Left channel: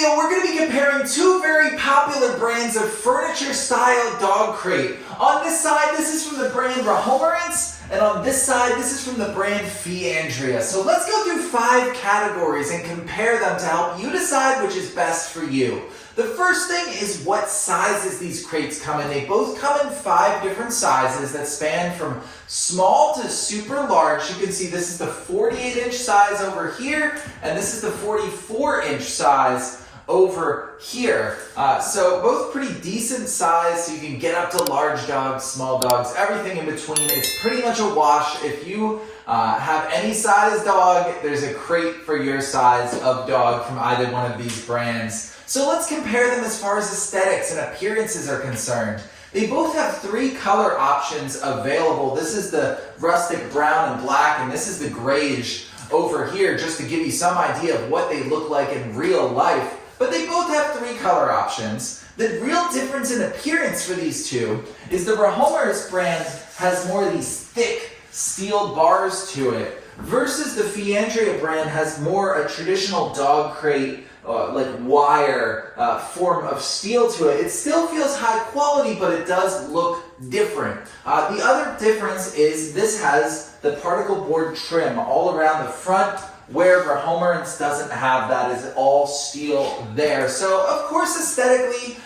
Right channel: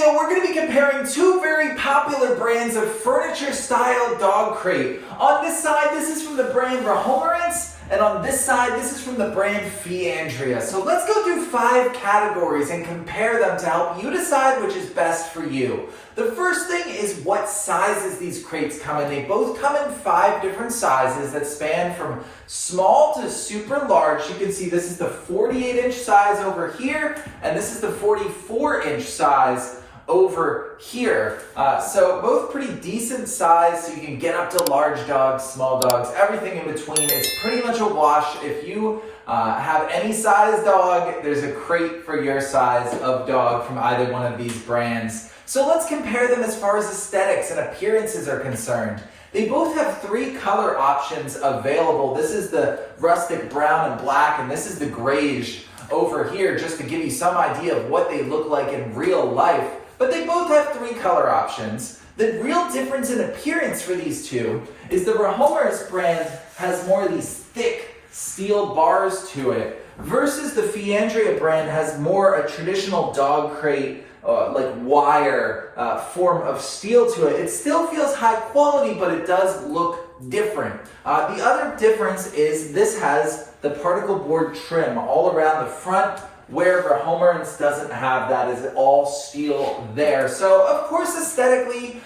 video, we're going to be comparing two very popular brands of furniture-style dog crate. On this side, this is from the brand Rehomerance, and on this side, this is from the brand Feandrea. So let's go through 5 categories and compare them to help you decide which is best for you. The first thing is what sizes these crates come in. They both come in 5 different sizes that span from small to super large. You can see this is the 48-inch size over here, and this is the 44-inch size over here. So both pretty decent size, so you can get up to large dogs, small dogs, everything in between. It's pretty much a wash. If you have any size dog, there's a crate for your size of dog from either one of these brands. So let's compare them as far as aesthetics and appearances are concerned. They both have 3 color options available. This is the rustic brown and black, and this is the grayish over here, just to give you some idea of what they look like in real life. But they both have 3 color options. The real difference in appearance for these two is the Rehomerance brand has more of these thick steel bars to it, versus the Feandrea brand has more a traditional dog crate like wire form of steel to it. It still feels high quality, but it does look different. The other difference is this has the particle board trim all around the front, where Rehomerance doesn't have that. Is all steel there. So of course aesthetically,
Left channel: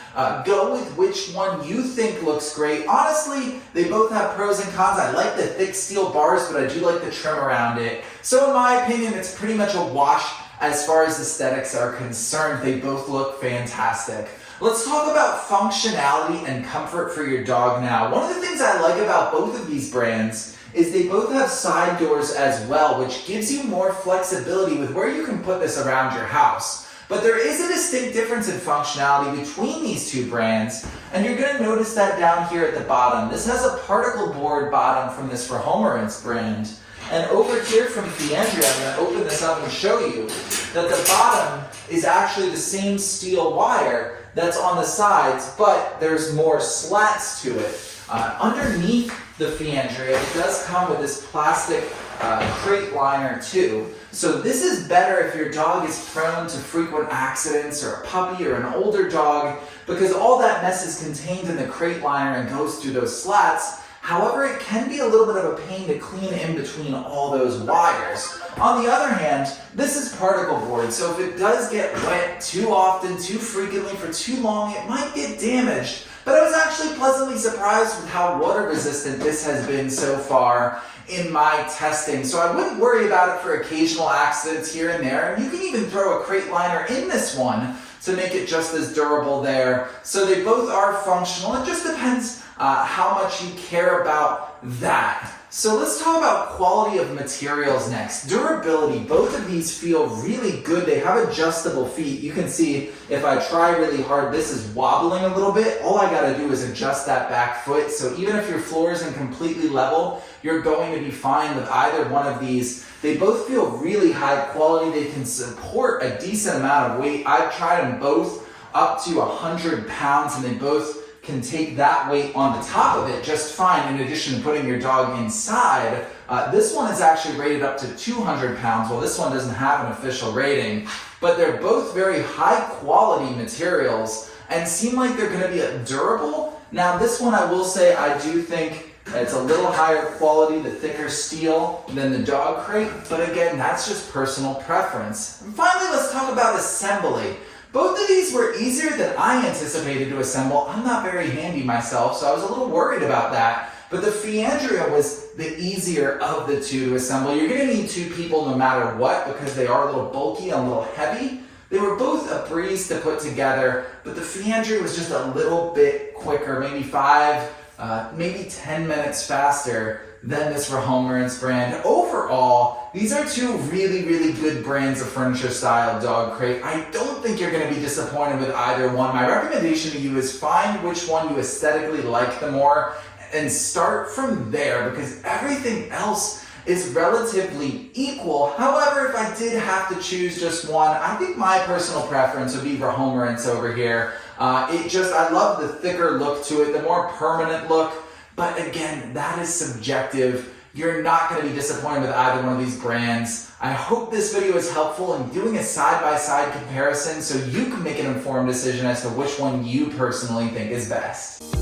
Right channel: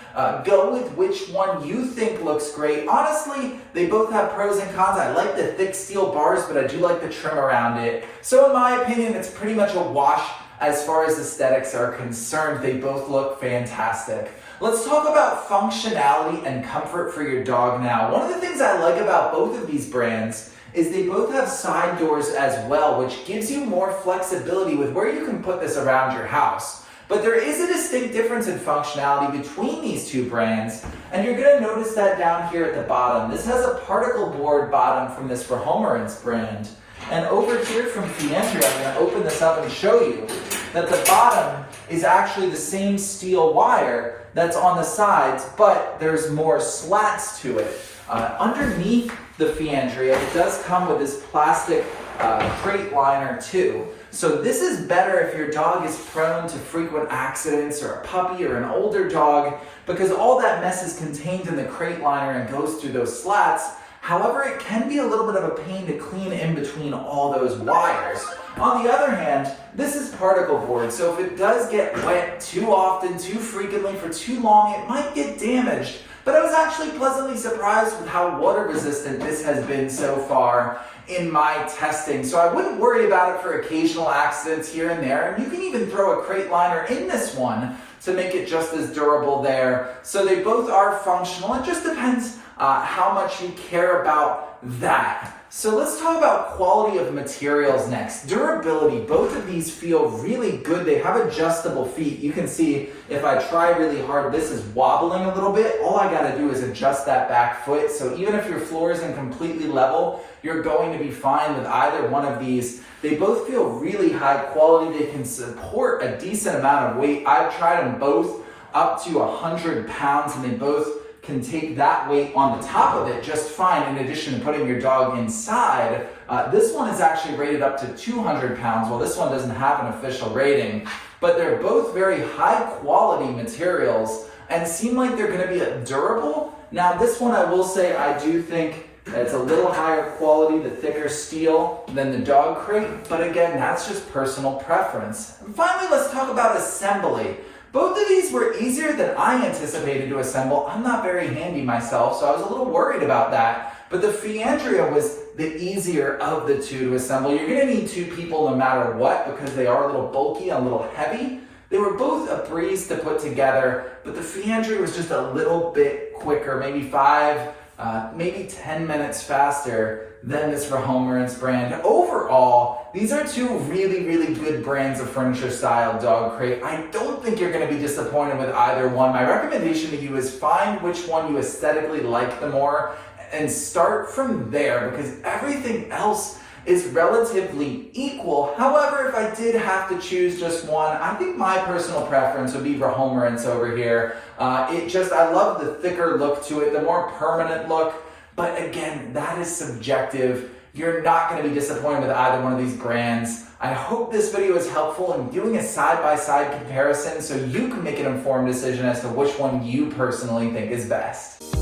go with which one you think looks great. Honestly, they both have pros and cons. I like the thick steel bars, but I do like the trim around it. So in my opinion, it's pretty much a wash as far as aesthetics are concerned. They both look fantastic. Let's talk about functionality and comfort for your dog now. One of the things I like about both of these brands is they both have side doors as well, which gives you more flexibility with where you can put this around your house. But there is a distinct difference in functionality between these two brands, and you're going to notice that down here at the bottom. This has a particle board bottom from this Rehomerance brand. And over here from Feandrea, I'm going to open this up and show you that the bottom is actually the same steel wire that's on the sides, but there's more slats to it. Underneath the Feandrea, it does come with this plastic crate liner too. So this is better if your dog is prone to frequent accidents, or a puppy or an older dog, because all that mess is contained in the crate liner and goes through those slats. However, it can be a little bit of a pain to clean in between all those wires. On the other hand, this is particle board, so if it does get wet too often, too frequently, for too long, it might get damaged. But I was actually pleasantly surprised with how water resistant this has been so far in my testing. So I wouldn't worry about it for occasional accidents here and there. And you can even throw a crate liner in this one to make it just as durable there. So they both are functional. It just depends how much you care about that. So let's talk about quality of materials next. Durability, both of these feel really good. They have adjustable feet. You can see if I try really hard, this is wobbling a little bit. All I gotta do is adjust that back foot. So even if your floor isn't completely level, you're going to be fine with either one of these. They both feel really high quality. They can support a decent amount of weight. I've tried them both up to 100 pounds, and they both can take that weight on the top of it just fine, in addition to putting your dog inside. This one is actually rated up to 200 pounds, while this one doesn't have an official rating. But they're both very high quality materials and seem like they're gonna be durable. Now this one, I will say, I do think it's a little higher quality, the thicker steel, than the dog crate. But again, that's just personal preference. And finally, let's talk about assembly. Both of these were easier than I anticipated to assemble. I'm not very handy myself, so I was a little worried about that. But the Feandrea was the easier of the two to assemble. You're gonna need 2 people no matter what, because they are a little bulky and a little heavy. They were both a breeze to put together, but the Feandrea was just a little bit quicker, maybe 5, maybe 10 minutes faster than this Rehomerance brand. Overall, these are 2 really, really good brands of furniture style dog crate. I don't think you're gonna be disappointed with either one. My recommendation to you is find which one you aesthetically like the more and start from there, because everything else is relatively equal. However, if I did have to choose just one, I think my personal preference would be Rehomerance over here. I love the thicker look to it, the more permanent look. But again, that is subjective. You're not going to be disappointed with either one of these brands. I hope this video is helpful in doing a side-by-side comparison so you can make an informed decision as to which one you personally think is best.